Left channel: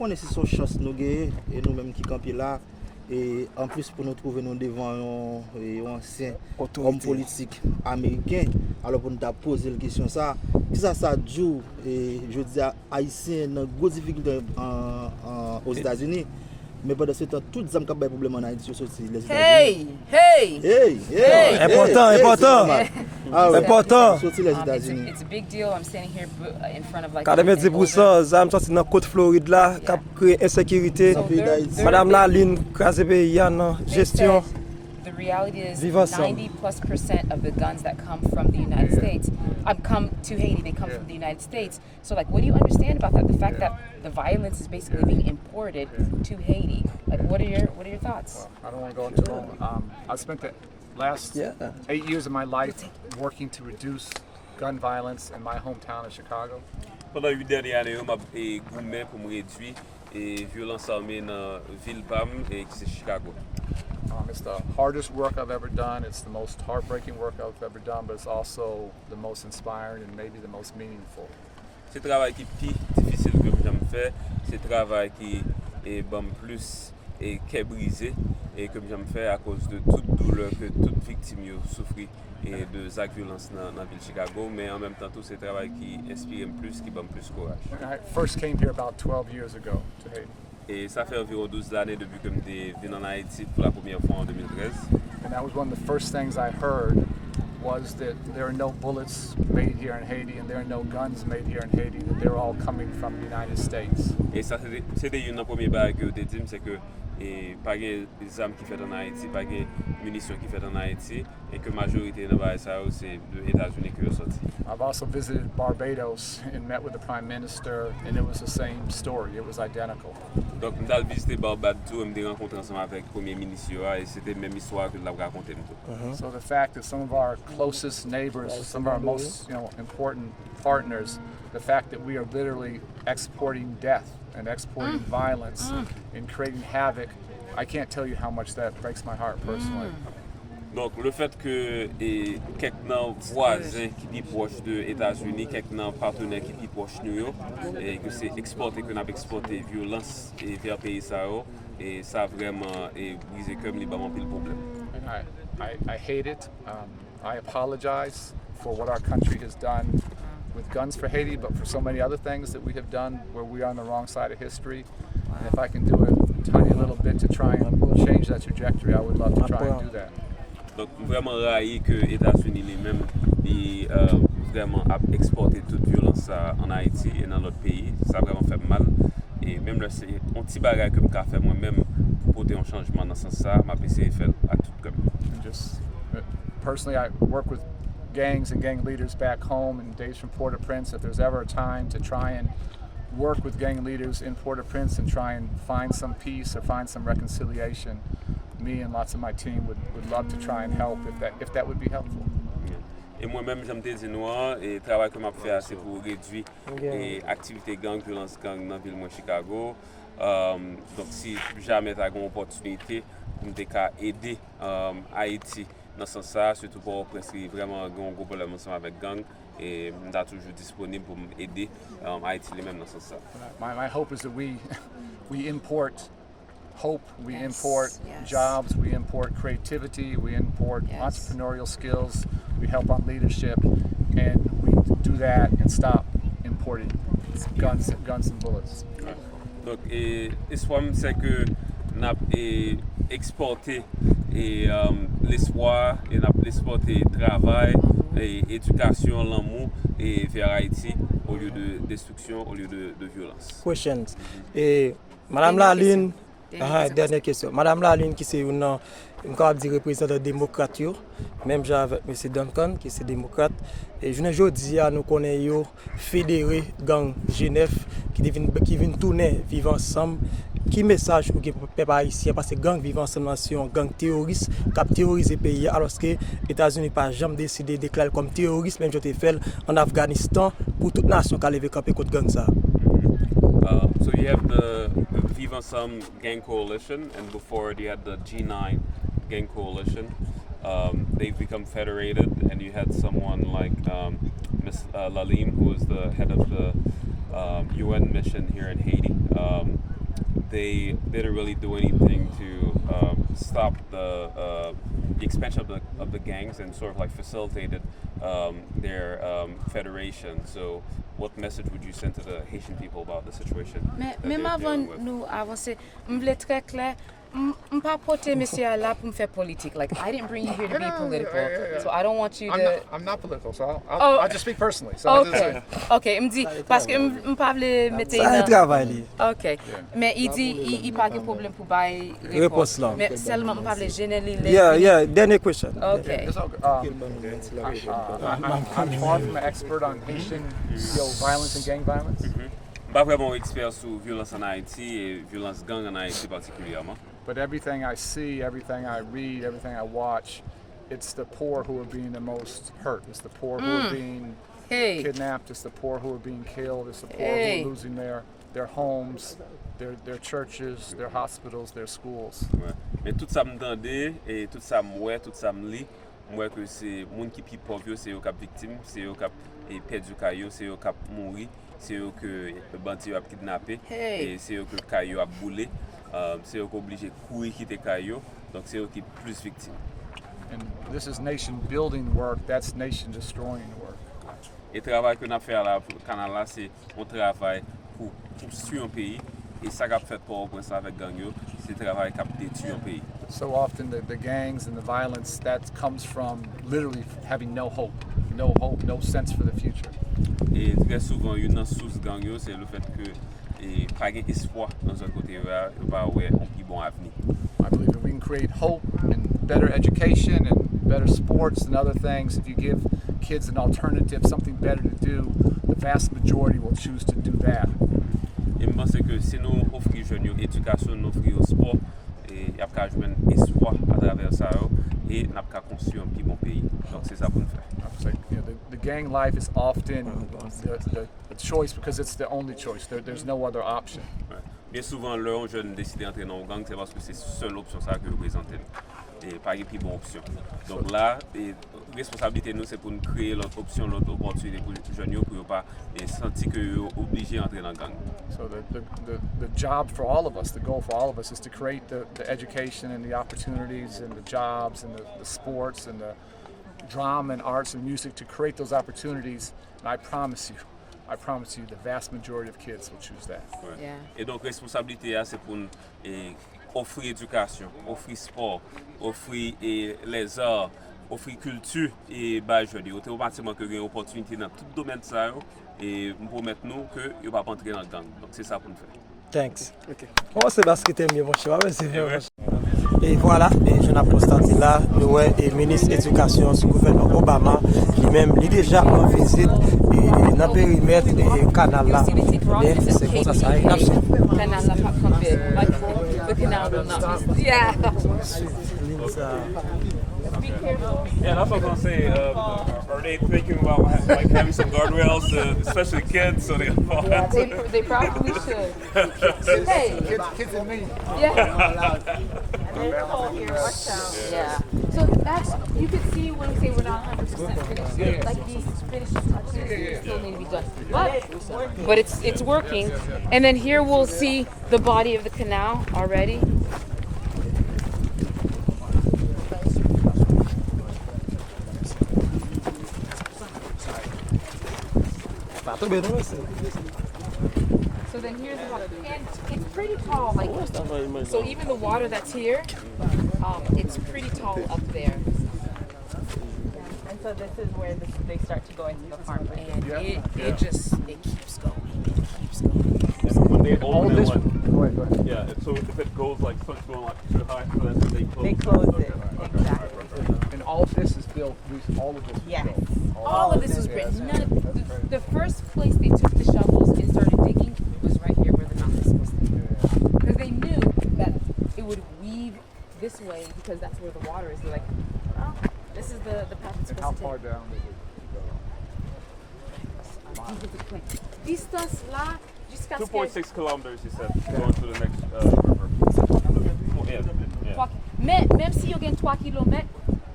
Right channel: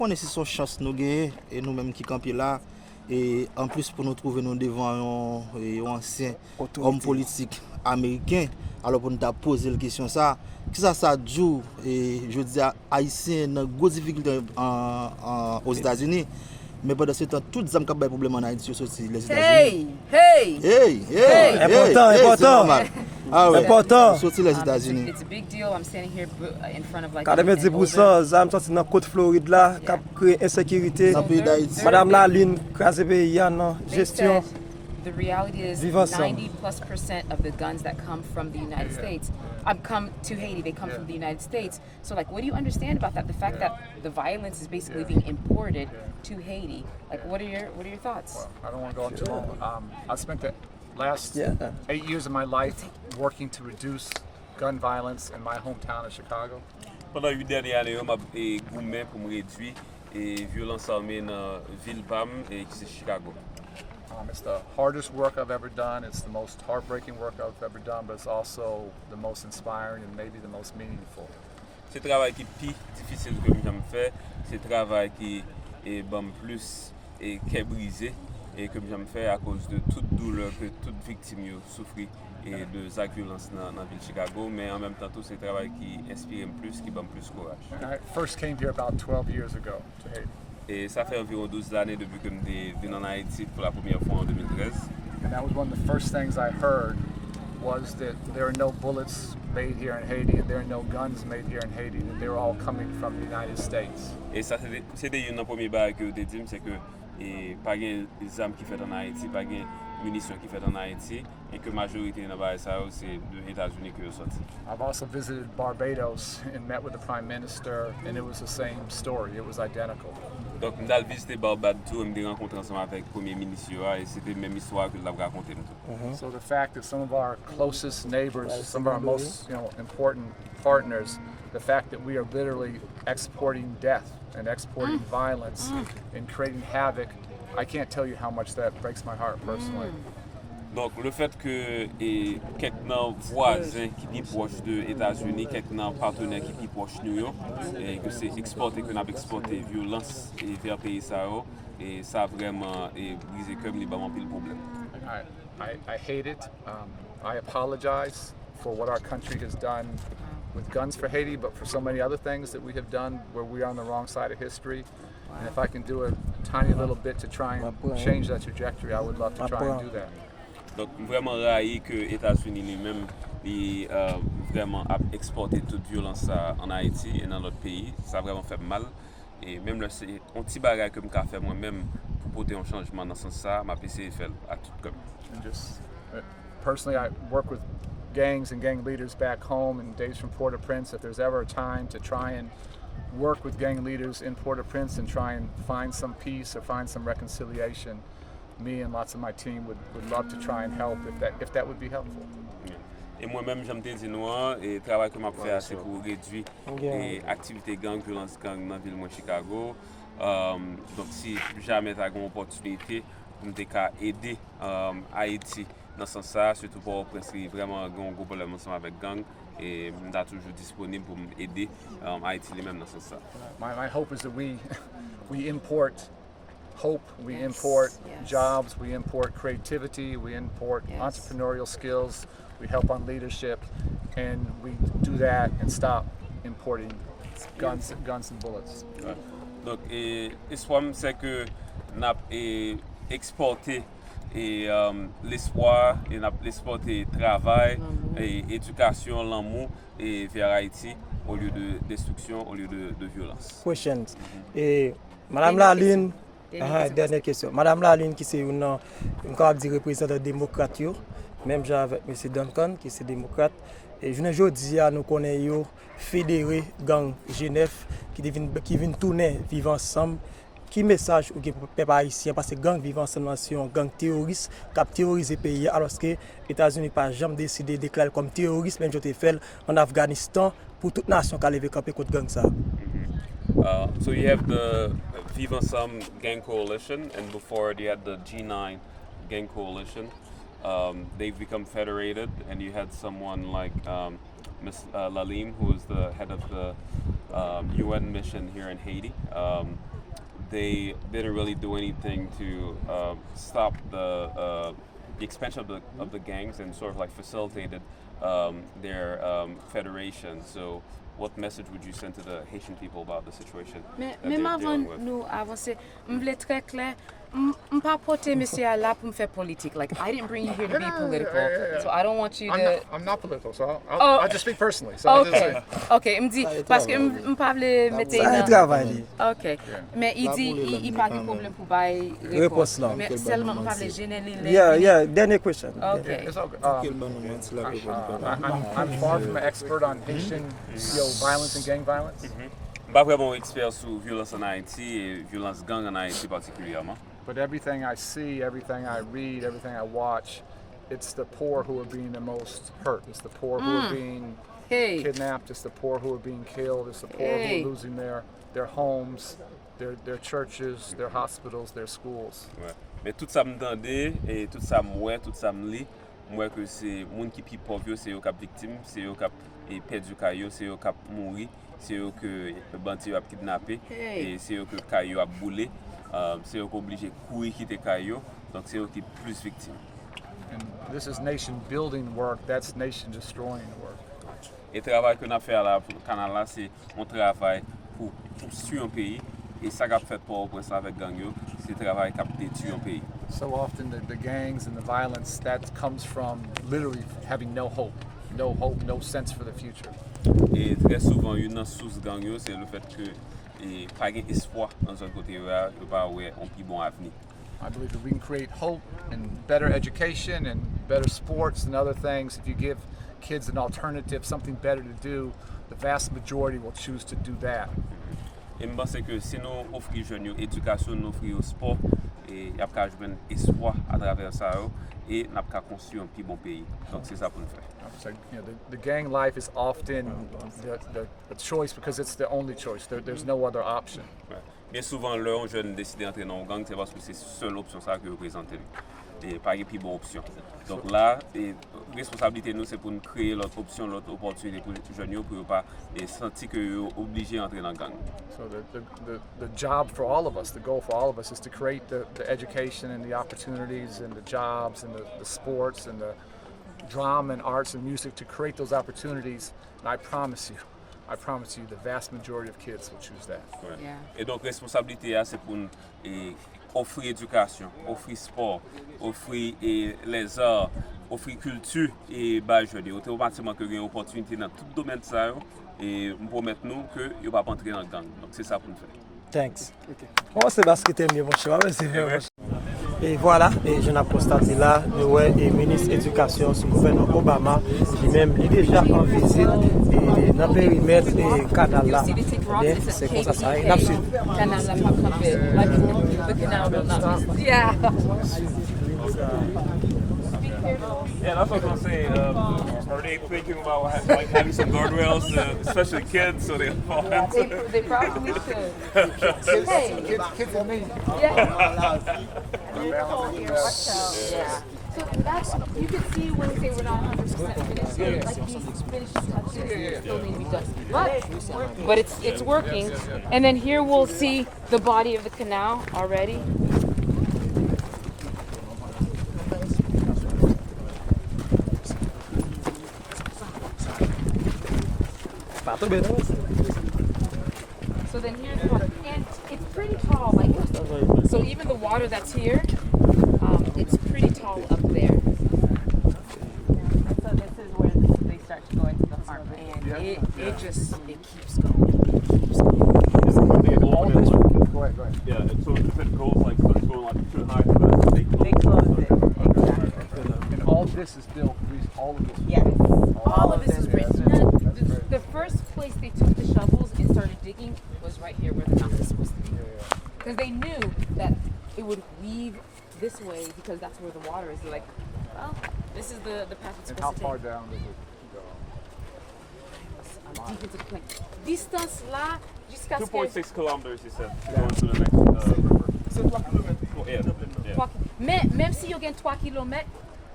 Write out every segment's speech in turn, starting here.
On est son chance nous gagner et nous-mêmes qui campons là. Et en plus pour nous trouver nous devant un ancien homme politique américain, alors pour nous poser la question ça, qui ça joue et je dis haïtien dans grosse difficulté aux États-Unis. Mais pendant ce temps, toutes les hommes qui ont des problèmes en Haïti sont sortis les États-Unis. Important. Sortis les États-Unis. It's a big deal. I'm standing here in front of like. 90% zam sorti dans côte Floride là, qui a créé insécurité. Madame Laline, crasé pays en gestion. The reality is Vive ensemble. 90+% of the guns that come from the United States come to Haiti. They come from the United States. So like, what do you understand about that? The fact that the violence is basically being imported to Haiti. Like, what are your thoughts? Well, I don't want to go into long. I spent the last 8 years of my life working to reduce gun violence in my hometown of Chicago. Pendant 8 dernières années, je gourmet pour me réduire et violence armée dans ville PAM et qui c'est Chicago. It's the hardest work I've ever done. It's the most heartbreaking work I've ever done, but it's also the most inspiring and maybe the most meaningful. C'est le travail qui est plus difficile que j'ai fait. C'est le travail qui est plus qui est brisé et que j'ai fait à cause de toute douleur que toute victime a souffert et de actes de violence dans la ville de Chicago. Mais en même temps, tout ce travail qui inspire plus, qui donne plus courage. I first came here about 12 years ago to Haiti. Et ça fait environ 12 années depuis que je suis venu en Haïti pour la première fois en 2013. And that was one of the first things I heard was that there are no bullets made here in Haiti and there are no guns made here in Haiti, that they're all coming from the United States. Et ça, c'était une des premières barres que je dit, c'est que pas de armes qui fait en Haïti, pas de munitions qui fait en Haïti, et que la majorité de barres c'est des États-Unis qui sont sortis. I've also visited Barbados and met with the Prime Minister, and it was the same story. It was identical. Donc, je suis visité Barbados, je me suis rencontré ensemble avec le Premier ministre, et c'était la même histoire que je l'avais racontée. So the fact that some of our closest neighbors, some of our most important partners, the fact that we are literally exporting death and exporting violence and creating havoc, I can't tell you how much that breaks my heart personally. Donc le fait que quelques voisins qui sont proches des États-Unis, quelques partenaires qui sont proches de nous, et que c'est exporté, que nous avons exporté violence vers le pays, et ça a vraiment brisé comme les bamans le problème. I hate it. I apologize for what our country has done with guns for Haiti, but for so many other things that we have done where we are on the wrong side of history. And if I can do a tiny little bit to try and change that trajectory, I would love to try and do that. Donc vraiment raillé que les États-Unis lui-même vraiment a exporté toute violence en Haïti et dans notre pays. Ça a vraiment fait mal. Et même là, c'est un petit bagage que je peux faire moi-même pour porter un changement dans ce sens-là. Ma PC fait à tout comme. Personally, I work with gangs and gang leaders back home in days from Port-au-Prince. If there's ever a time to try and work with gang leaders in Port-au-Prince and try and find some peace or find some reconciliation, me and lots of my team would love to try and help if that would be helpful. Et moi-même, j'aime te dire, et le travail que je fais, c'est pour réduire les activités gang, violence gang dans la ville de Chicago. Donc, si jamais tu as une opportunité pour aider Haïti dans ce sens-là, surtout pour vraiment un gros problème ensemble avec gang, et je suis toujours disponible pour aider Haïti lui-même dans ce sens-là. My hope is that we import hope, we import jobs, we import creativity, we import entrepreneurial skills, we help on leadership, and we do that and stop importing guns and bullets. Donc, l'espoir, c'est que nous avons exporté l'espoir, et nous avons exporté travail, et éducation, l'amour vers Haïti au lieu de destruction, au lieu de violence. Questions. Et Madame Laline, dernière question. Madame Laline, qui c'est une représentante démocrate, même avec M. Duncan, qui est démocrate. Et je ne dis à nous connaissons fédéré gang Genève qui viennent tourner, vivre ensemble. Qui message pour que le peuple haïtien, parce que gang vivant ensemble, c'est un gang terroriste qui a terrorisé le pays, alors que les États-Unis n'ont pas jamais décidé de déclarer comme terroriste, même si fait en Afghanistan, pour toute nation qui a levé camper contre gang ça. So you have the Vive Ensemble gang coalition, and before you had the G9 gang coalition. They've become federated, and you had someone like Ms. Lalim, who is the head of the UN mission here in Haiti. they didn't really do anything to stop the expansion of the gangs and sort of like facilitated their federation. So what message would you send to the Haitian people about the situation? Même avant nous avancer, m'vle très clair, m'pas porter monsieur là pour me faire politique. Like I didn't bring you here to be political, so I don't want you to. I'm not political, so I'll just speak personally. So I'll just Okay, okay, m'di parce que m'pas vle mettre. Ça travail. Ok, mais il dit il pas de problème pour bailler Réponse là. mais seulement m'pas vle générer. Yeah, dernier question. Okay. It's all good. I'm far from an expert on Haitian violence and gang violence. Pas vraiment expert sur violence en Haïti et violence gang en Haïti particulièrement. But everything I see, everything I read, everything I watch, it's the poor who are being the most hurt. It's the poor who are being kidnapped. It's the poor who are being killed. It's the poor who are losing their homes, their churches, their hospitals, their schools. Ouais. Mais tout ça m'entende et tout ça m'oué, tout ça m'lit, moi que c'est monde qui pi pauvre, c'est eux qui victime, c'est eux qui perdu caillou, c'est eux qui mourir, c'est eux que bandi a kidnappé et c'est eux que caillou a boulé. C'est eux qui obligé courir quitter caillou, donc c'est eux qui plus victimes. And this is nation building work. That's nation destroying work. Et le travail qu'on a fait là pour le canal là, c'est un travail pour construire un pays. Et ça qu'a fait pour ça avec gang yo, c'est le travail qui a détruit un pays. So often the gangs and the violence that comes from literally having no hope, no sense for the future. Et très souvent, une source gang yo, c'est le fait que et pas espoir dans un côté là, il va avoir un plus bon avenir. I believe that we can create hope and better education and better sports and other things. If you give kids an alternative, something better to do, the vast majority will choose to do that. Et je pense que si nous offrons aux jeunes l'éducation, nous offrons au sport, et il y a un espoir à travers ça, et nous avons construire un plus bon pays. Donc c'est ça pour nous faire. It's like, the gang life is often the choice because it's the only choice. There's no other option. Ouais. Bien souvent, les jeunes décident d'entrer dans un gang, c'est parce que c'est la seule option ça que vous présentez. Et pas une plus bonne option. Donc là, la responsabilité nous c'est pour nous créer l'autre option, l'autre opportunité pour les jeunes pour ne pas sentir qu'ils sont obligés d'entrer dans le gang. So the job for all of us, the goal for all of us is to create the education and the opportunities and the jobs and the sports and the drama and arts and music to create those opportunities. And I promise you, the vast majority of kids will choose that. Ouais. Yeah. Et donc, la responsabilité, c'est pour nous offrir éducation, offrir sport, offrir les arts, offrir culture et bah je dis automatiquement que il y a une opportunité dans tout domaine ça et nous promettons nous que il va pas entrer dans le gang. Donc c'est ça pour nous faire. Thanks. Moi, c'est parce que tu aimes bien mon choix. Et voilà, et je n'ai pas constaté là, le ministre de l'Éducation sous le gouvernement Obama, lui-même, il est déjà en visite dans le périmètre et canal là. C'est comme ça, ça. Canal là, pas campé. Like the canal will not. Yeah. Yeah, that's what I was gonna say. Are they thinking about like having some guardrails, especially kids, so they don't fall into? They probably should. Hey. Kids and me. Yeah. Yeah. So that's, you can see when we say we're not 100% finished, like these finished touches still need to be done. But it's working. And then here we'll see the body of the canal already. So then here's the water, and it's pretty tall. Like, so even the water that's here, it's pretty tall up there. And so this is where they start to go into the farmland, and it keeps going. All this. Go ahead. Yeah, so if it goes like it's going like too high, They close it, exactly. And all of this is built. All of this. Yes. All of this was written. The first place they took the shovels and started digging was right here where the house was supposed to be. Because they knew that it would weave this way because that's where the water is. They're like, oh, this is the path it's And how supposed to far take. down is it? Distance là, jusqu'à ce que... 2.6 kilometers, he said, going to the next river. Yeah. Mais même si you gain 3 km,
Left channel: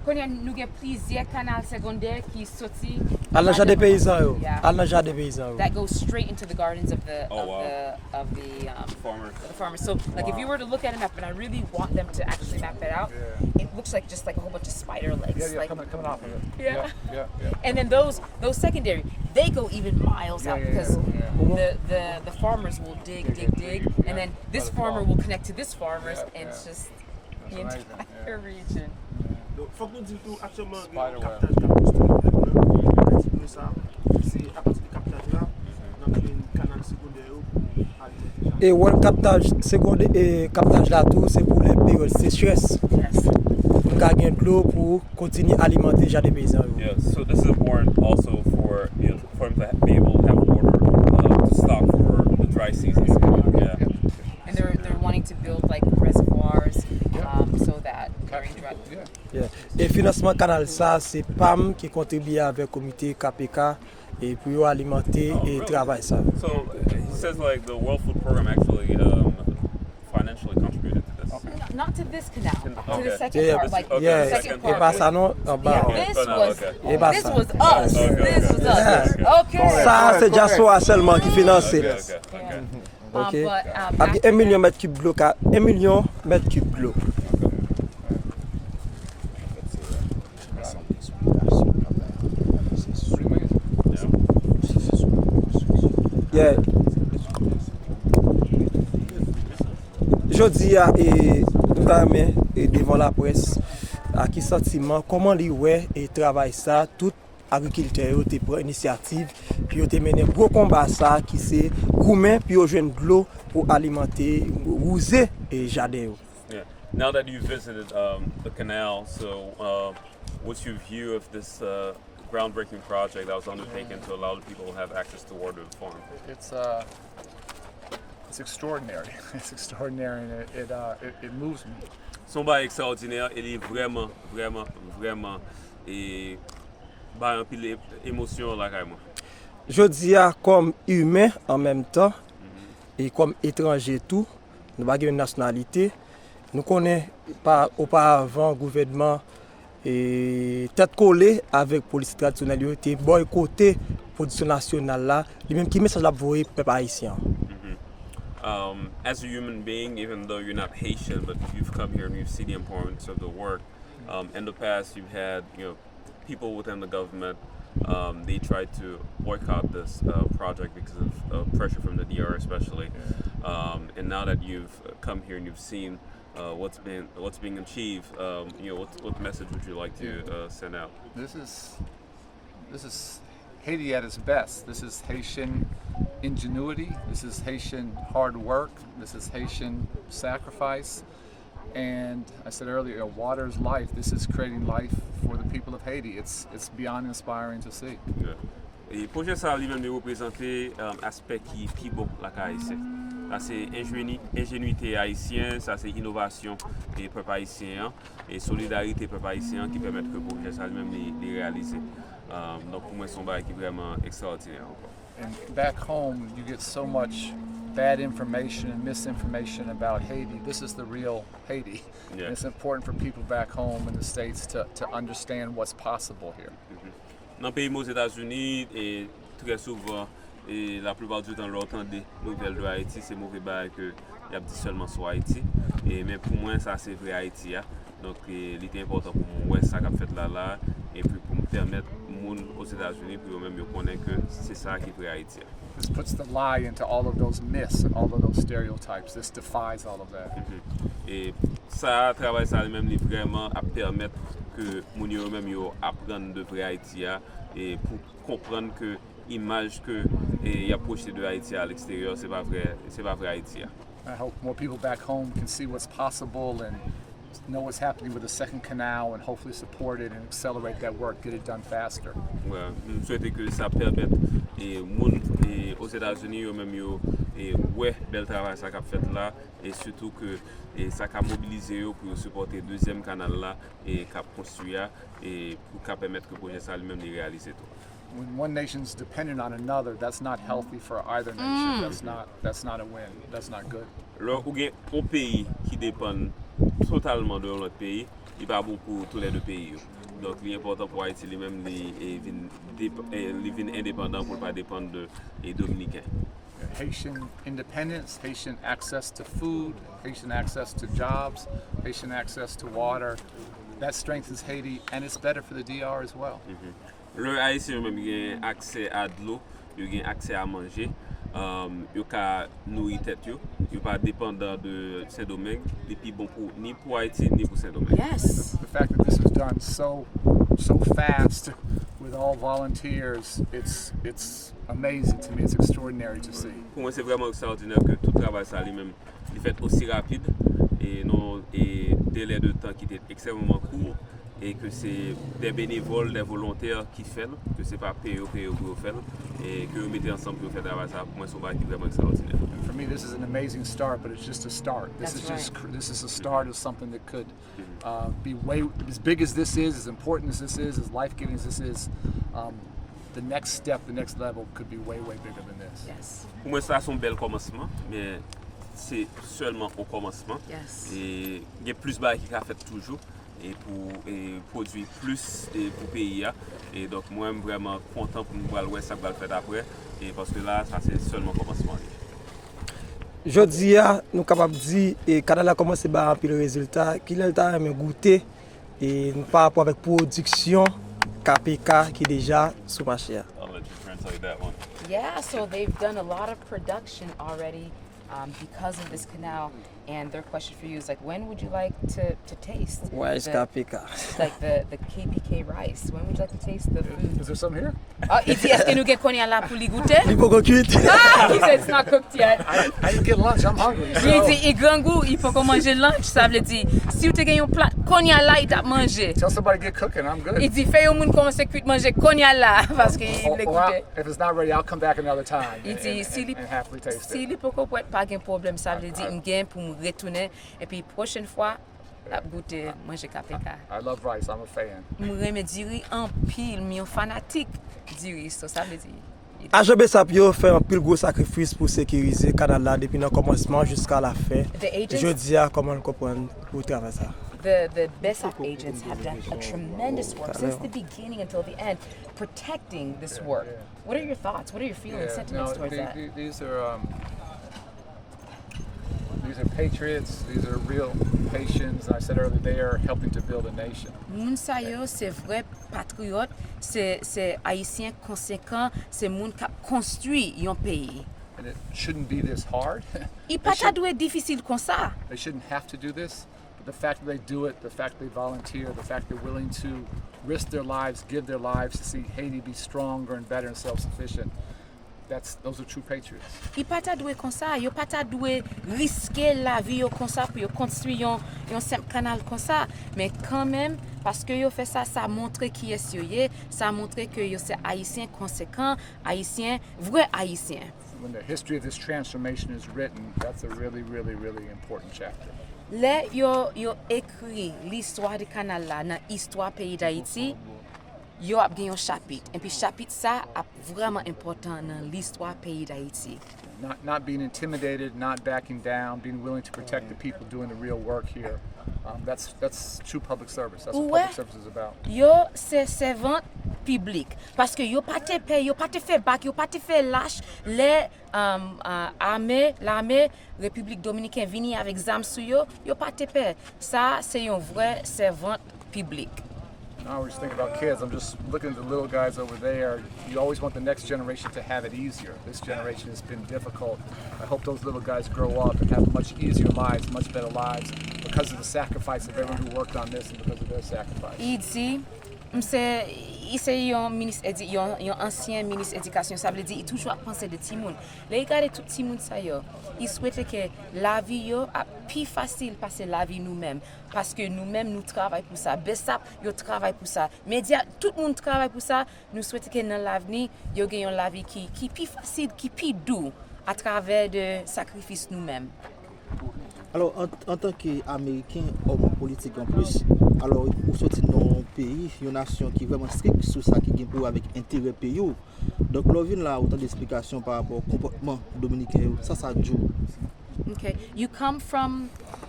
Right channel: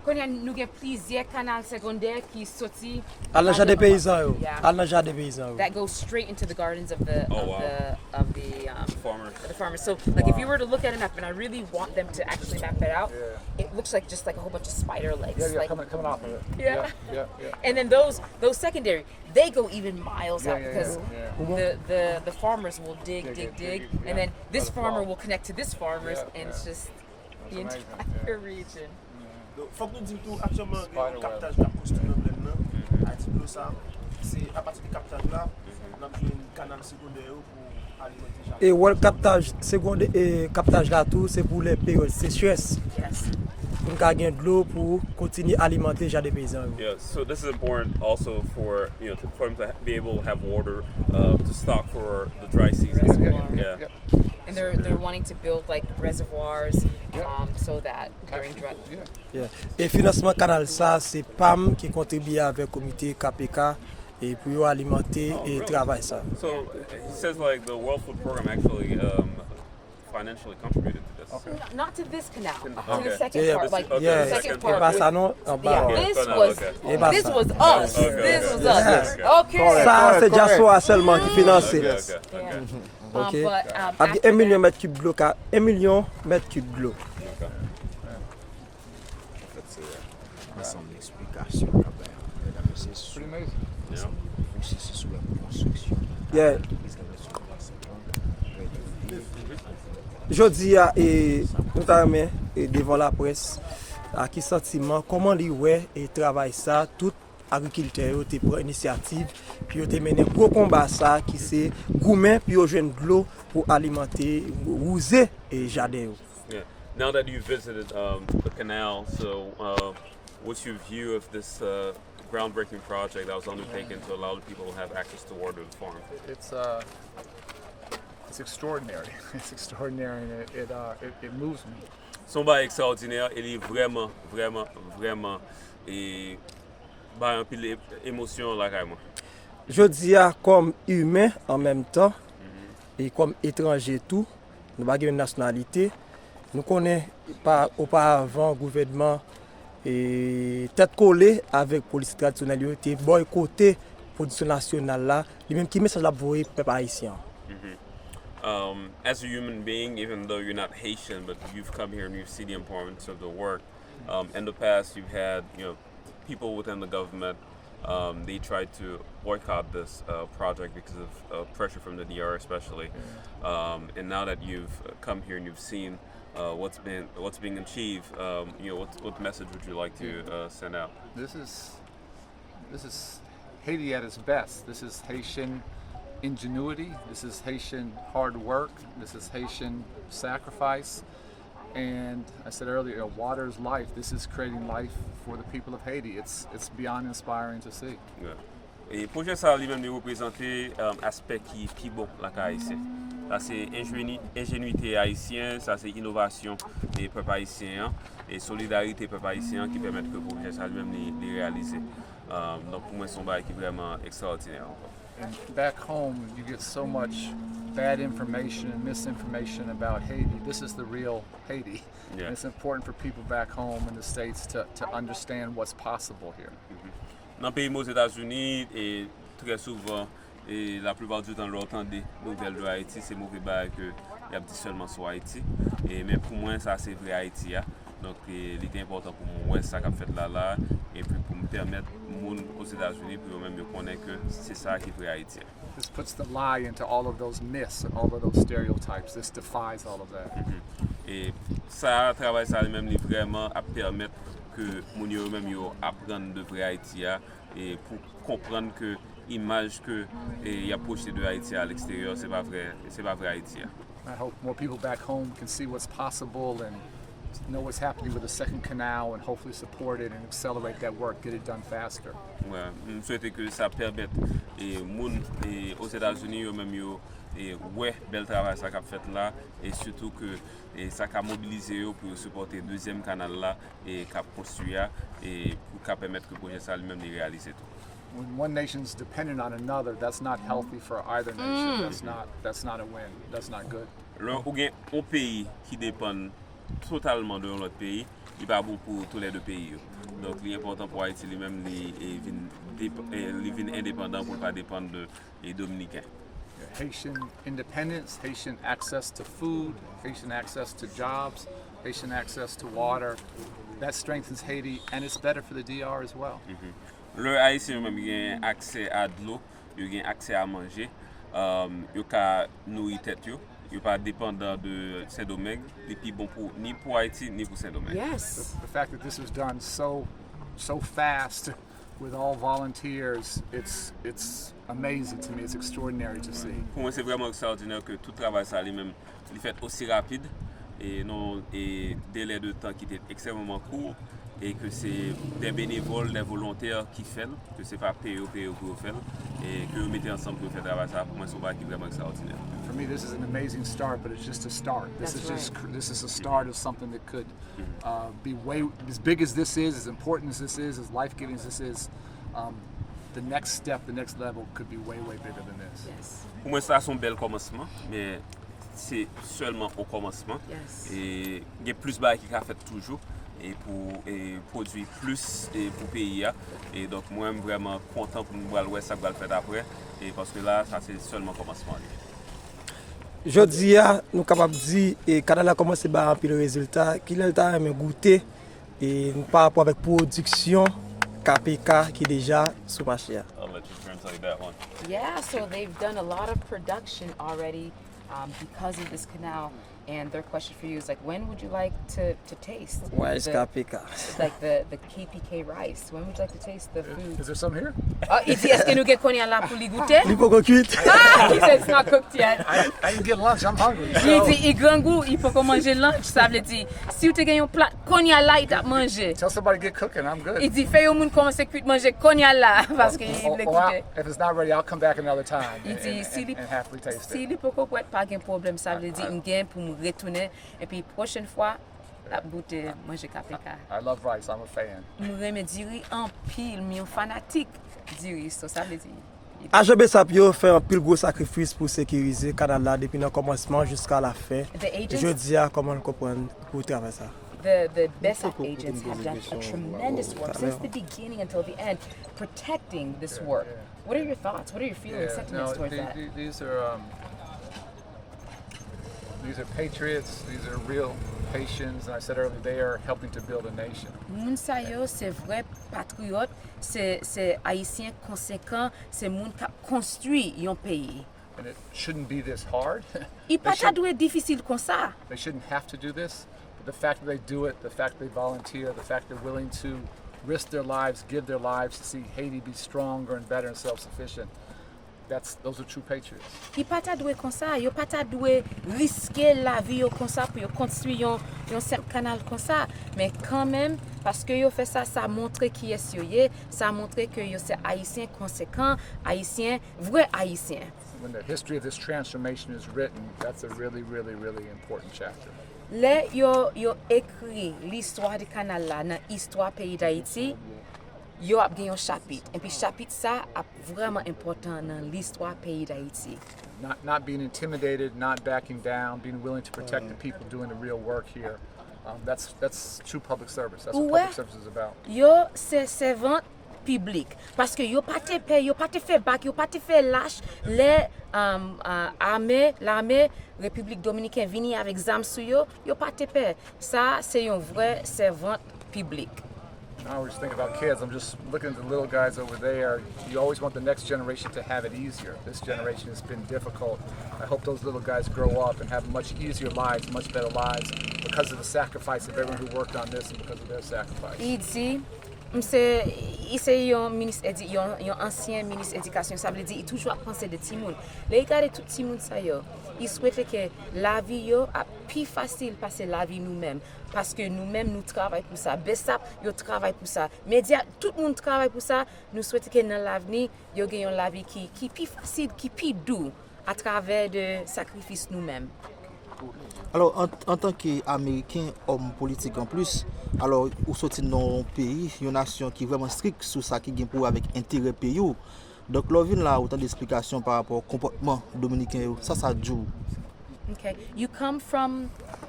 Konya nou gen plizye kanal secondaire qui sorti. Al nan jardin paysan yo. Yeah. Al nan jardin paysan yo. That goes straight into the gardens of the Farmers. the farmers. So like if you were to look at a map, and I really want them to actually map that out, it looks like just like a whole bunch of spider legs. Yeah, like, coming off of it. Yeah. Yeah. And then those secondary, they go even miles out Yeah. because the farmers will dig, and then this farmer will connect to this farmer's, and it's just the amazing, entire region. Faut que nous disions tout actuellement le Spider web. captage de plus ça. C'est à partir du captage là, on a un canal secondaire. Et le captage secondaire et captage là tout c'est pour les périodes sécheresse. Yes. Pour gagner de l'eau pour continuer à alimenter les jardins paysans. Yeah, so this is important also for for them to be able to have water to stock for the dry season. Yeah. And they're wanting to build like reservoirs, so that during dry. Yeah. Et financement canal ça c'est PAM qui contribue avec le comité KPK et puis alimenter et travail ça. So he says like the World Food Program actually financially contributed to this. Okay. Not to this canal, to the Okay. second Yeah, part, like okay, Yeah, the second et part. pas ça non en bas. Yeah, Okay. this Oh, no, was okay. Et pas this ça. was us. Okay, This okay. was us. Yeah. Okay. Ça c'est diaspora seulement qui finance. Okay. Yeah. OK. But Avec 1 million mètres cubes d'eau, 1 million mètres cubes d'eau. Pretty amazing. Yeah. Jodi a tout à l'heure et devant la presse à qui sentiment comment li ouais et travail ça tout agriculteur yo te prend initiative puis yo te mené gros combat ça qui c'est goumen puis yo joindre de l'eau pour alimenter rouser et jardin yo. Yeah. Now that you visited the canal, so what's your view of this groundbreaking project that was undertaken to allow the people to have access to water to the farm? It's extraordinary. It's extraordinary, and it moves me. Son ba extraordinaire, il est vraiment et ba un pile émotion là carrément. Jodi a comme humain en même temps et comme étranger tout, nous pas une nationalité. Nous connaissons pas auparavant gouvernement et tête collée avec police traditionnelle yo te boycotté production nationale là, lui même qui message la voyer peuple haïtien. As a human being, even though you're not Haitian, but you've come here and you've seen the importance of the work. In the past, you've had people within the government. They tried to boycott this project because of pressure from the DR, especially. And now that you've come here and you've seen what's being achieved, what message would you like to send out? This is Haiti at its best. This is Haitian ingenuity. This is Haitian hard work. This is Haitian sacrifice. And I said earlier, water is life. This is creating life for the people of Haiti. It's beyond inspiring to see. Et projet ça lui-même de représenter aspect qui est plus bon la haïtien. Ça c'est ingénuité haïtienne, ça c'est innovation des peuples haïtiens et solidarité peuple haïtien qui permettent que le projet ça lui-même de réaliser. Donc pour moi c'est un bail qui est vraiment extraordinaire encore. And back home, you get so much bad information and misinformation about Haiti. This is the real Haiti. Yeah. And it's important for people back home in the States to understand what's possible here. Dans le pays aux États-Unis, et très souvent, et la plupart du temps, l'entend des nouvelles de Haïti, c'est mauvais bail que il y a dit seulement sur Haïti. Et mais pour moi, ça c'est vrai Haïti. Donc il était important pour moi ça qu'a fait là et puis pour me permettre aux États-Unis pour même connaître que c'est ça qui est vrai Haïti. This puts the lie into all of those myths and all of those stereotypes. This defies all of that. Et ça travail ça même vraiment à permettre que moun yo même yo apprendre de vrai Haïti et pour comprendre que image que y a projeté de Haïti à l'extérieur c'est pas vrai Haïti. I hope more people back home can see what's possible and know what's happening with the second canal and hopefully support it and accelerate that work, get it done faster. Ouais, je souhaite que ça permette et moun et aux États-Unis yo même yo et ouais bel travail ça qu'a fait là et surtout que et ça qu'a mobilisé yo pour supporter deuxième canal là et qu'a construire et pour qu'a permettre que le projet ça lui-même de réaliser tout. When one nation's dependent on another, that's not healthy for either nation. That's not a win. That's not good. Alors, ou gen un pays qui dépend totalement de l'autre pays, il pas bon pour tous les deux pays. Donc il est important pour Haïti lui-même il vient indépendant pour ne pas dépendre des Dominicains. Haitian independence, Haitian access to food, Haitian access to jobs, Haitian access to water. That strengthens Haiti and it's better for the DR as well. Le Haïtien même a accès à de l'eau, il a accès à manger, il a nourrir tête, il pas dépendant de Saint-Domingue, depuis bon pour ni pour Haïti ni pour Saint-Domingue. Yes. The fact that this was done so fast with all volunteers, it's amazing to me. It's extraordinary to see. Pour moi, c'est vraiment extraordinaire que tout travail ça lui-même, il fait aussi rapide et non et délai de temps qui était extrêmement court et que c'est des bénévoles, des volontaires qui font, que c'est pas payé pour faire et que vous mettez ensemble pour faire travail ça. Pour moi, c'est vraiment extraordinaire. For me, this is an amazing start, but it's just a start. This is a start of something that could be way as big as this is, as important as this is, as life-giving as this is. The next step, the next level could be way bigger than this. Yes. Pour moi, c'est un bel commencement, mais c'est seulement au commencement. Yes. Et il y a plus bas qui a fait toujours et pour produire plus et pour payer. Et donc moi, je suis vraiment content pour nous voir ça va le faire après. Et parce que là, ça c'est seulement le commencement. Jodi nous capable dire et Canal a commencé par un pile résultat qu'il a goûter et par rapport avec production KPK qui est déjà sous marché. I'll let you translate that one. Yeah, so they've done a lot of production already because of this canal. And their question for you is like, when would you like to taste? Why is KPK? Like the KPK rice. When would you like to taste the food? Is there some here? Il dit, est-ce que nous avons konya là pour les goûter? Il faut qu'on cuite. He said it's not cooked yet. I didn't get lunch. I'm hungry. J'ai dit, il grand goût, il faut qu'on mange lunch. Ça veut dire, si vous avez un plat konya là, il t'a mangé. Tell somebody to get cooking. I'm good. Il dit, fais au monde commencer à manger konya là parce qu'il Or l'écoutait. if it's not ready, I'll come back another time Il dit, and happily taste si it. il peut pas de problème, ça veut dire, il gagne pour me retourner. Et puis, prochaine fois, la goûter manger KPK. I love rice. I'm a fan. Je me dirais en pile, mais un fanatique dirait ça veut dire. AJB Sapio fait un pile gros sacrifice pour sécuriser le canal là depuis le commencement jusqu'à la fin. Je dis comment comprendre pour travailler ça. The BESAP agents have done a tremendous work since the beginning until the end, protecting this work. What are your thoughts? What are your feelings, sentiments towards that? These are patriots. These are real Haitians. I said earlier, they are helping to build a nation. Moun sa yo, c'est vrai patriote, c'est haïtien conséquent, c'est moun qui construit un pays. And it shouldn't be this hard. Il pas ta doué difficile comme ça. They shouldn't have to do this, but the fact that they do it, the fact that they volunteer, the fact they're willing to risk their lives, give their lives to see Haiti be stronger and better and self-sufficient, those are true patriots. Il pas ta doué comme ça, il pas ta doué risquer la vie comme ça pour construire un simple canal comme ça, mais quand même parce que yo fait ça, ça montre qui est sérieux, ça montre que yo c'est haïtien conséquent, haïtien vrai haïtien. When the history of this transformation is written, that's a really important chapter. Là, yo écrit l'histoire du canal là dans l'histoire pays d'Haïti, yo a gagné un chapitre. Et puis chapitre ça est vraiment important dans l'histoire pays d'Haïti. Not being intimidated, not backing down, being willing to protect the people doing the real work here. That's true public service. That's what public service is about. Yo c'est servant public parce que yo pas te paye, yo pas te fait bac, yo pas te fait lâche les l'armée République Dominicaine vini avec zam sou yo pas te paye. Ça c'est un vrai servant public. I was just thinking about kids. I'm just looking at the little guys over there. You always want the next generation to have it easier. This generation has been difficult. I hope those little guys grow up and have much easier lives, much better lives because of the sacrifice of everyone who worked on this and because of their sacrifice. Il dit, c'est un ancien ministre éducation, ça veut dire il toujours penser de Timoun. Là, il regarde tout Timoun ça yo. Il souhaite que la vie yo a plus facile passer la vie nous-mêmes parce que nous-mêmes nous travaillons pour ça. BESAP yo travaille pour ça. Média tout le monde travaille pour ça. Nous souhaitons que dans l'avenir yo gagnons la vie qui plus facile, qui plus doux à travers de sacrifices nous-mêmes. Alors, en tant qu'Américain, homme politique en plus, alors, vous sortez dans un pays, une nation qui est vraiment stricte sur ça, qui est pour avec intérêt pays. Donc, là, vous avez autant d'explications par rapport au comportement dominicain. Ça joue. Okay. You come from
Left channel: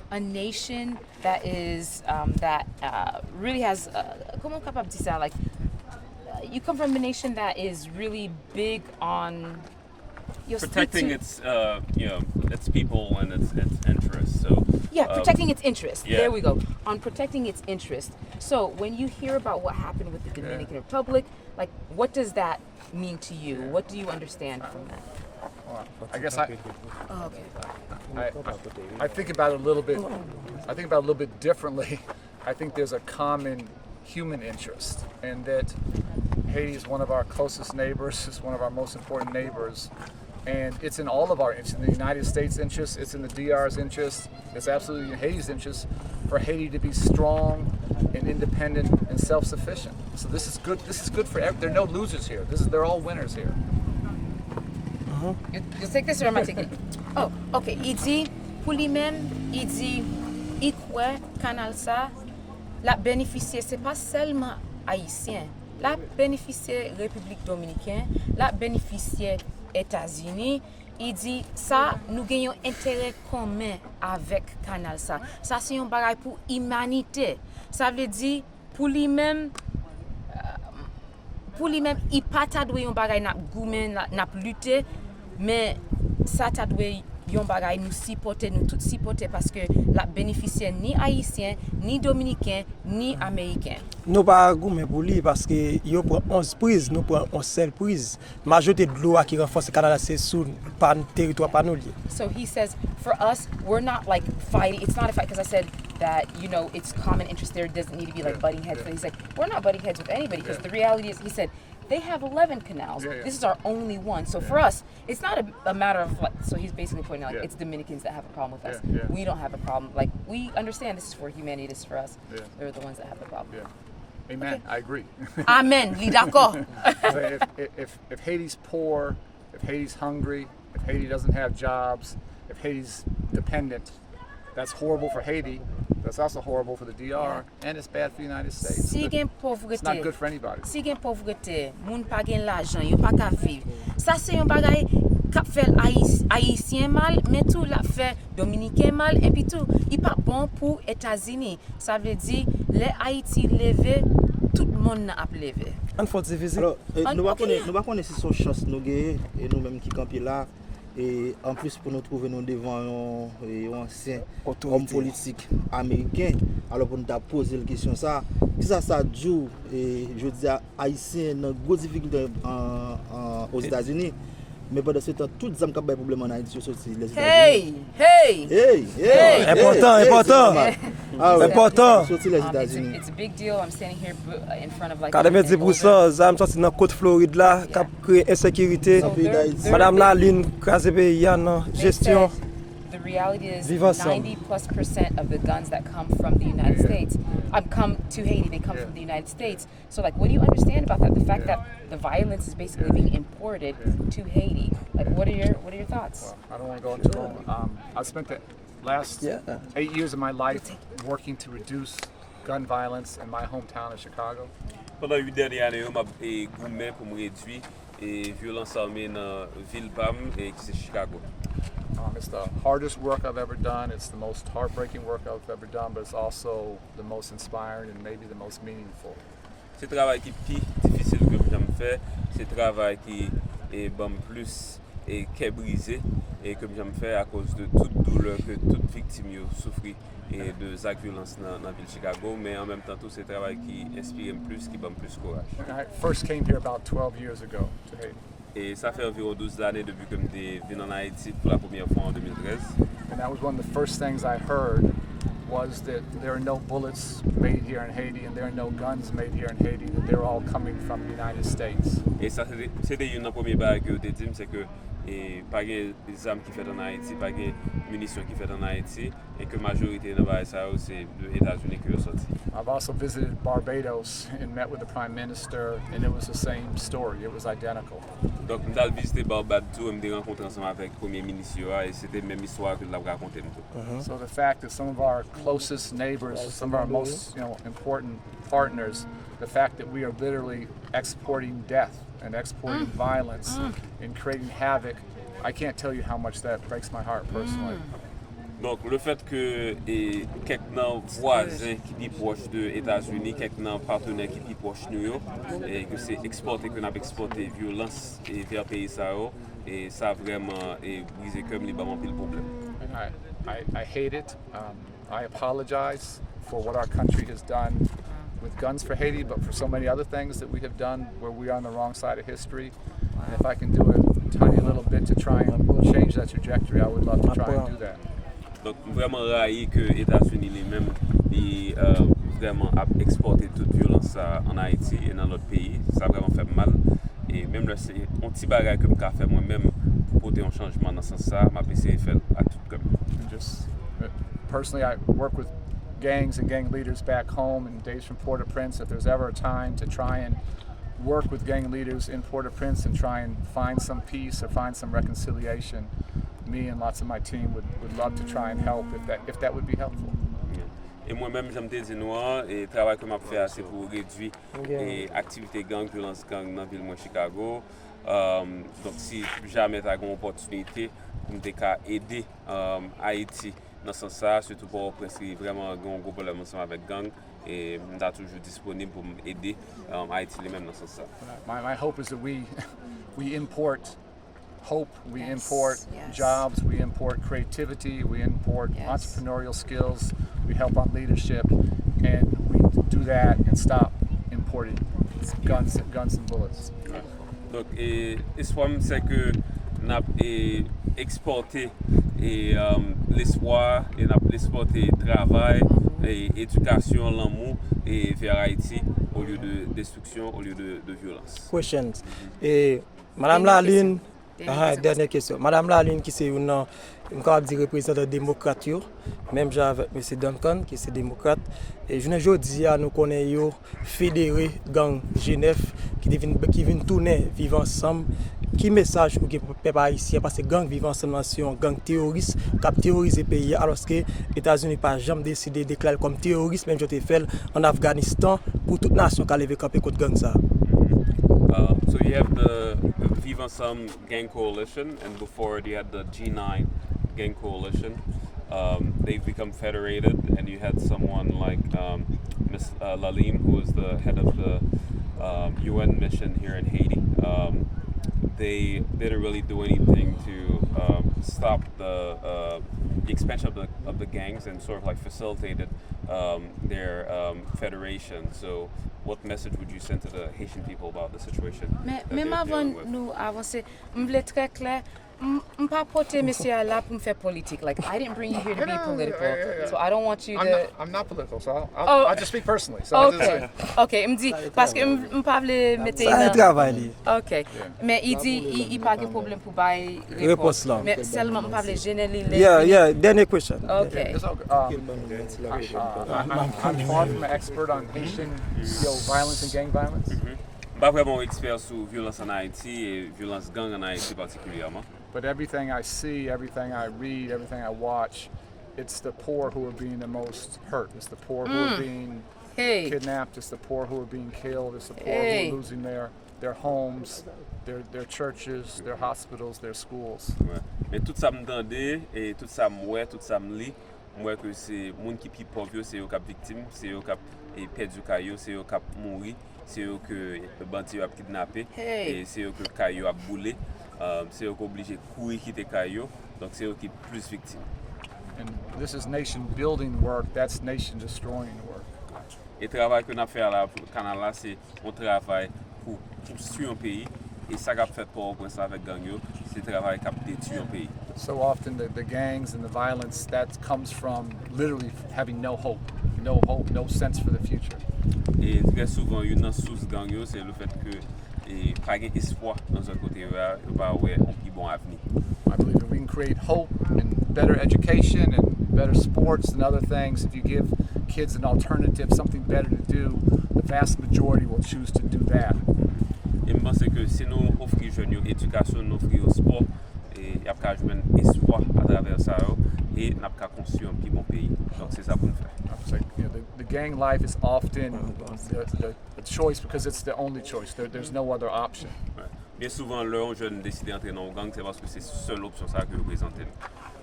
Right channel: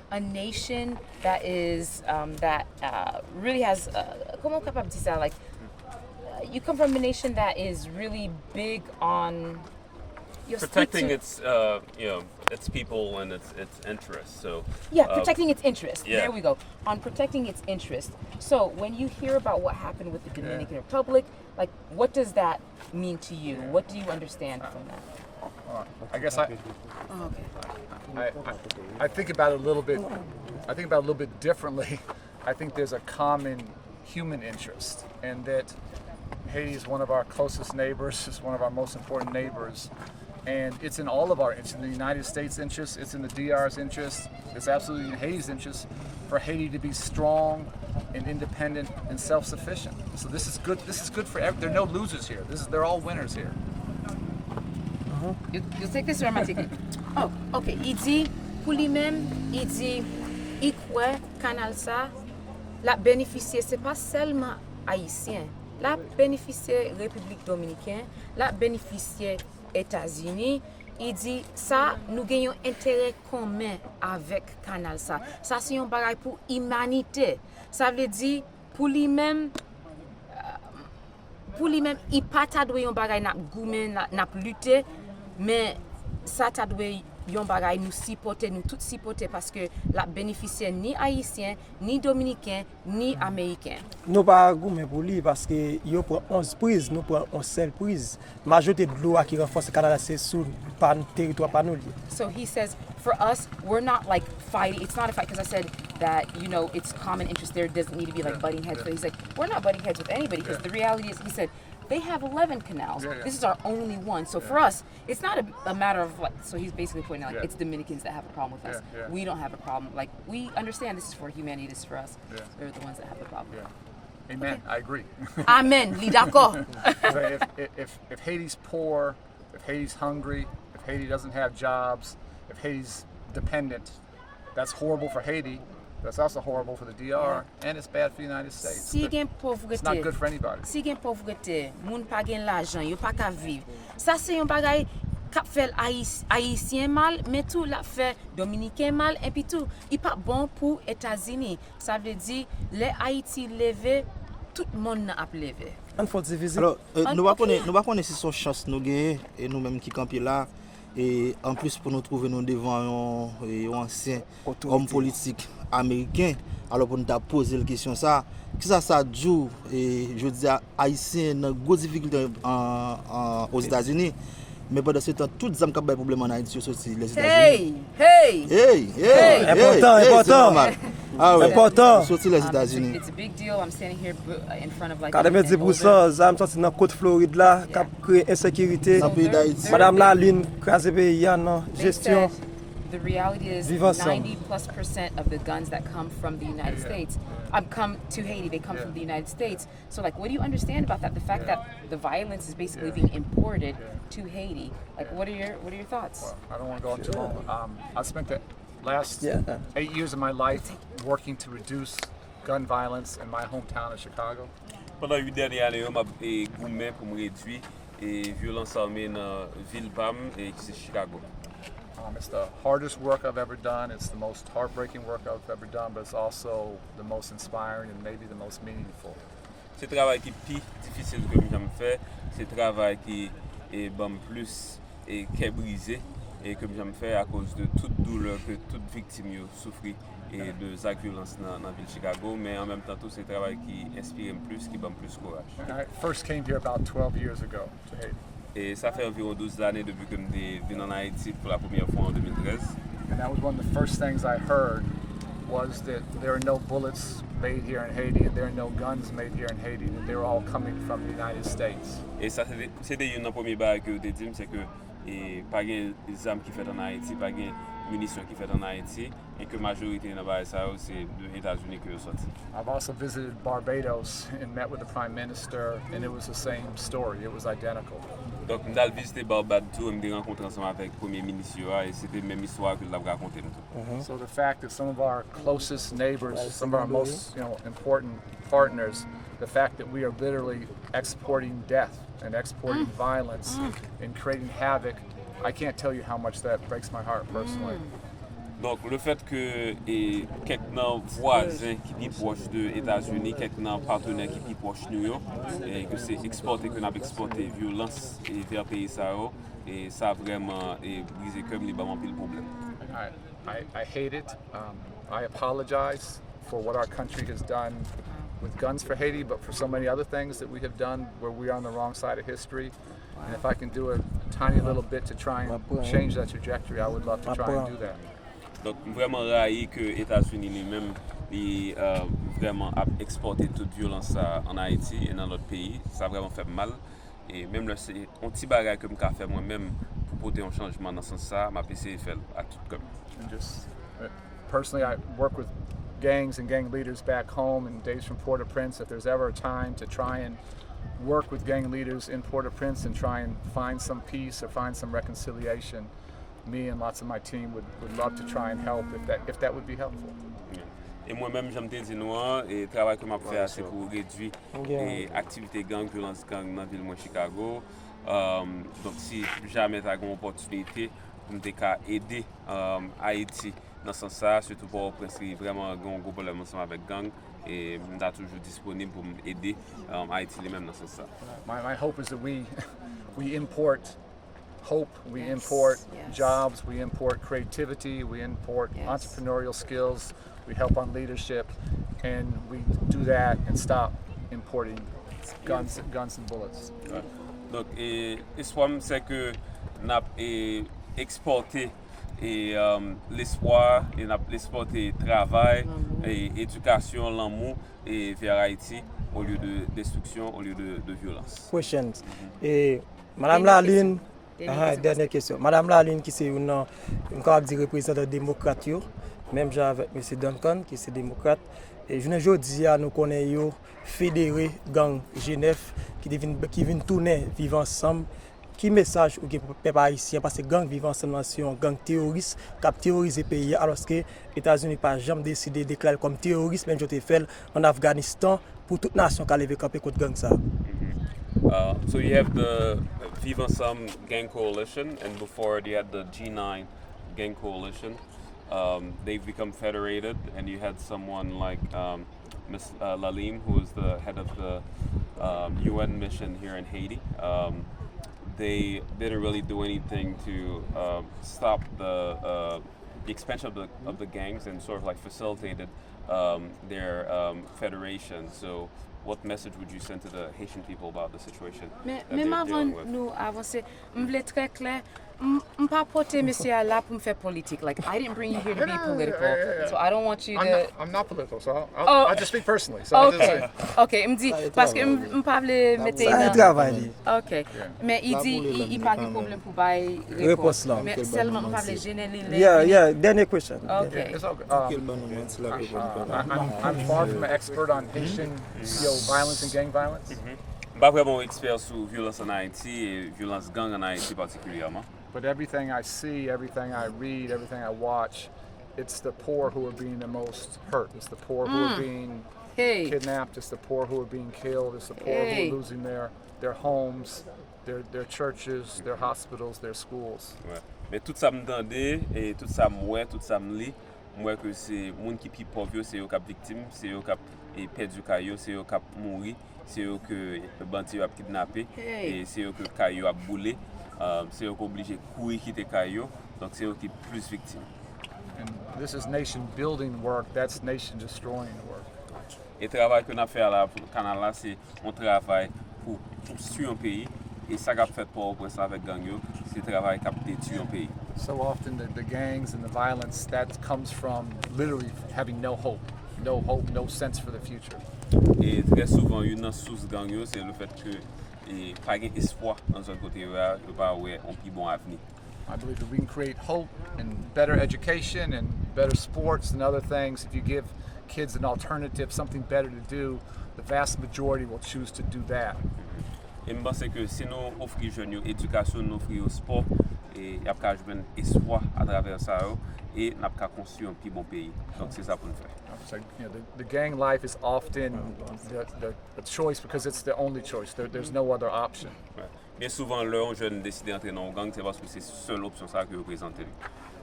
a nation that is really has comment capable dire ça, like you come from a nation that is really big on Protecting its its people and its interests. So protecting its interest. yeah. There we go. On protecting its interest. So when you hear about what happened with the Dominican Republic, like what does that mean to you? What do you understand from that? Well, I guess Okay. I think about it a little bit. I think about it a little bit differently. I think there's a common human interest, and that Haiti is one of our closest neighbors. It's one of our most important neighbors, and it's in all of our interests. In the United States' interest, it's in the DR's interest. It's absolutely in Haiti's interest for Haiti to be strong and independent and self-sufficient. So this is good. This is good for everyone. There are no losers here. They're all winners here. You take this or am I taking it? Oh, okay. Il dit, pour lui-même, il dit, il croit canal ça, la bénéficier, c'est pas seulement haïtien, la bénéficier République Dominicaine, la bénéficier États-Unis. Il dit, ça, nous gagnons intérêt commun avec canal ça. Ça, c'est un bagage pour l'humanité. Ça veut dire, pour lui-même, il pas ta doué un bagay n'a goumen n'a lutter mais ça ta doué yon bagay nous supporter nous tout supporter parce que la bénéficiaire ni haïtien ni dominicain ni américain. Nous pas goumen pour lui parce que yo prend 11 prises, nous prend 11 seule prise. Majorité de l'eau qui renforce le Canada c'est sur pas territoire pas nous. So he says for us we're not like fighting, it's not a fight because I said that it's common interest, there doesn't need to be like butting heads, but he's like we're not butting heads with anybody because the reality is he said they have 11 canals. This is our only one. So for us, it's not a matter of like, so he's basically pointing out like it's Dominicans that have a problem with us. We don't have a problem. Like we understand this is for humanity, this is for us. They're the ones that have the problem. Amen. Okay. I agree. Amen. Oui, d'accord. if Haiti's poor, if Haiti's hungry, if Haiti doesn't have jobs, if Haiti's dependent, that's horrible for Haiti. That's also horrible for the DR, and it's bad for the United States. Si gen It's not good for anybody. Si gen pauvreté, moun pa gen l'argent, yo pa ka vivre. Ça c'est un bagay k'ap fait haïtien mal, mais tout la fait dominicain mal et puis tout, il pas bon pour États-Unis. Ça veut dire les Haïti levé, tout le monde n'a ap levé. On faut diviser. Alors, nous va connaître si son chance nous gagner et nous-mêmes qui campons là. Et en plus pour nous trouver nous devant un ancien homme politique américain, alors pour nous poser la question ça, qui ça joue et je dis haïtien dans grosse difficulté aux États-Unis, mais pendant ce temps toutes les hommes qui ont des problèmes en Haïti sont sortis les États-Unis. Important. Sortis les États-Unis. It's a big deal. I'm standing here in front of like 90% zam sorti dans côte Floride là, qui créé insécurité. Madame Laline crasé pays en gestion. The reality is Vive ensemble. 90+% of the guns that come from the United States come to Haiti. They come from the United States. So like, what do you understand about that? The fact that the violence is basically being imported to Haiti. Like, what are your thoughts? Well, I don't want to go on too long. I spent the last 8 years of my life working to reduce gun violence in my hometown of Chicago. Pendant 8 dernières années, je suis gourmet pour me réduire et violence armée dans ville PAM et qui c'est Chicago. It's the hardest work I've ever done. It's the most heartbreaking work I've ever done, but it's also the most inspiring and maybe the most meaningful. C'est le travail qui est plus difficile que j'ai fait. C'est le travail qui est plus qui est brisé et que j'ai fait à cause de toute douleur que toute victime a souffert et de cette violence dans la ville de Chicago, mais en même temps tout c'est le travail qui inspire plus, qui donne plus courage. I first came here about 12 years ago to Haiti. Et ça fait environ 12 années depuis que je suis venu en Haïti pour la première fois en 2013. And that was one of the first things I heard was that there are no bullets made here in Haiti and there are no guns made here in Haiti, that they're all coming from the United States. Et ça c'était une des premières barres que je dit, c'est que pas de armes qui fait en Haïti, pas de munitions qui fait en Haïti et que la majorité de barres ça c'est des États-Unis qui sont sortis. I've also visited Barbados and met with the Prime Minister, and it was the same story. It was identical. Donc je suis visité Barbados, je me suis rencontré ensemble avec le Premier ministre et c'était la même histoire que je l'avais raconté. So the fact that some of our closest neighbors, some of our most important partners, the fact that we are literally exporting death and exporting violence and creating havoc, I can't tell you how much that breaks my heart personally. Donc, le fait que quelques voisins qui sont proches des États-Unis, quelques partenaires qui sont proches de nous, et que c'est exporté, que nous avons exporté violence vers le pays, et ça a vraiment brisé comme librement le problème. I hate it. I apologize for what our country has done with guns for Haiti, but for so many other things that we have done where we are on the wrong side of history. And if I can do a tiny little bit to try and change that trajectory, I would love to try and do that. Donc, vraiment raillé que les États-Unis lui-même vraiment a exporté toute violence en Haïti et dans notre pays. Ça a vraiment fait mal. Et même là, c'est un petit bagage que je peux faire moi-même pour porter un changement dans ce sens-là. Ma PC fait à tout comme. Just personally, I work with gangs and gang leaders back home in days from Port-au-Prince. If there's ever a time to try and work with gang leaders in Port-au-Prince and try and find some peace or find some reconciliation, me and lots of my team would love to try and help if that would be helpful. Et moi-même, j'aime te dire, et le travail que je fais, c'est pour réduire les activités gang, violence gang dans la ville de Chicago. Donc, si jamais tu as une opportunité pour aider Haïti dans ce sens-là, surtout pour vraiment un gros problème ensemble avec gang, et je suis toujours disponible pour aider Haïti les mêmes dans ce sens-là. My hope is that we import hope, we import jobs, we import creativity, we import entrepreneurial skills, we help on leadership, and we do that and stop importing guns and bullets. Donc, l'espoir, c'est que nous avons exporté l'espoir, et nous avons exporté travail, éducation, l'amour vers Haïti au lieu de destruction, au lieu de violence. Questions. Et Madame Laline, dernière question. Madame Laline, qui est une représentante démocrate, même avec M. Duncan, qui est démocrate. Et je ne dis à nous connaissons fédéré gang Genève qui viennent tourner, vivre ensemble. Qui message pour que les peuple haïtien parce que gang vivent ensemble c'est un gang terroriste qui terrorise le pays alors que les États-Unis pas jamais décidé de déclarer comme terroriste même je fait en Afghanistan pour toute nation qui a levé camper contre gang ça. So you have the Vive Ensemble gang coalition, and before you had the G9 gang coalition. They've become federated, and you had someone like Ms. Lalim, who is the head of the UN mission here in Haiti. They didn't really do anything to stop the expansion of the gangs and sort of like facilitated their federation. So what message would you send to the Haitian people about the situation? Même avant nous avancer, je voulais très clair. I'm pas porter monsieur là pour me faire politique. Like I didn't bring you here to be political, so I don't want you to. I'm not political, so I'll just speak personally. So okay, okay. Me dit parce que me pas le mettre. Ça travail. Okay, mais il dit il pas de problème pour bailler réponse là. Mais seulement me pas le général. Yeah. Dernier question. Okay. It's all good. I'm far from an expert on Haitian violence and gang violence. Pas vraiment expert sur violence en Haïti et violence gang en Haïti particulièrement. But everything I see, everything I read, everything I watch, it's the poor who are being the most hurt. It's the poor who are being kidnapped. It's the poor who are being killed. It's the poor who are losing their homes, their churches, their hospitals, their schools. Ouais. Mais tout ça m'entende et tout ça m'oué, tout ça m'lit. Moi que c'est monde qui plus pauvre, c'est eux qui victime, c'est eux qui perdu caillou, c'est eux qui mourir, c'est eux que bandit a kidnappé et c'est eux que caillou a boulé. C'est eux qui obligé de courir quitter caillou, donc c'est eux qui plus victimes. And this is nation building work, that's nation destroying work. Et le travail qu'on a fait là pour le canal là, c'est un travail pour construire un pays. Et ça qu'a fait pour ça avec gang yo, c'est le travail qui a détruit un pays. So often the gangs and the violence that comes from literally having no hope, no sense for the future. Et très souvent, une source gang yo, c'est le fait que et pas d'espoir dans un côté là, va ouais un plus bon avenir. I believe that we can create hope and better education and better sports and other things. If you give kids an alternative, something better to do, the vast majority will choose to do that. Et je pense que si nous offrons aux jeunes l'éducation, nous offrons au sport, et il y a un espoir à travers ça, et nous avons construire un plus bon pays. Donc c'est ça pour nous faire. So, the gang life is often the choice because it's the only choice. There's no other option. Ouais. Bien souvent, les jeunes décident d'entrer dans le gang, c'est parce que c'est la seule option ça que vous présentez.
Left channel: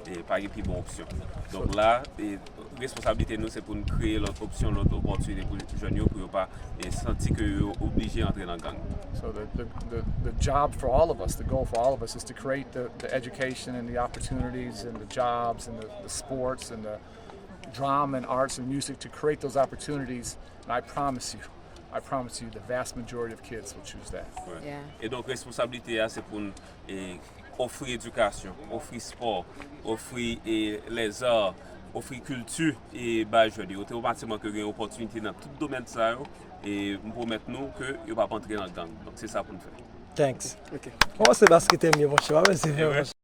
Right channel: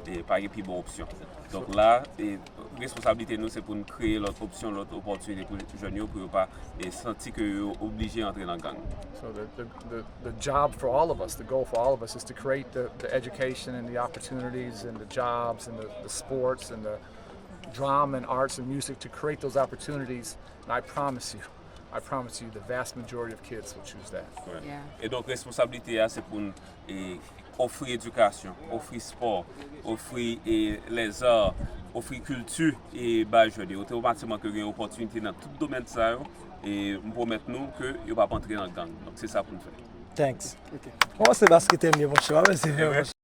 pas une plus bonne option. Donc là, responsabilité nous c'est pour nous créer l'autre option, l'autre opportunité pour les jeunes pour ne pas sentir que sont obligés d'entrer dans le gang. So the job for all of us, the goal for all of us is to create the education and the opportunities and the jobs and the sports and the drama and arts and music to create those opportunities. And I promise you, the vast majority of kids will choose that. Ouais. Yeah. Et donc responsabilité c'est pour nous offrir éducation, offrir sport, offrir les arts, offrir culture et bah jeunes. Automatiquement que une opportunité dans tout domaine ça et pour maintenant que il va pas entrer dans le gang. Donc c'est ça pour nous faire. Thanks. On va se basket mieux mon cher. Merci.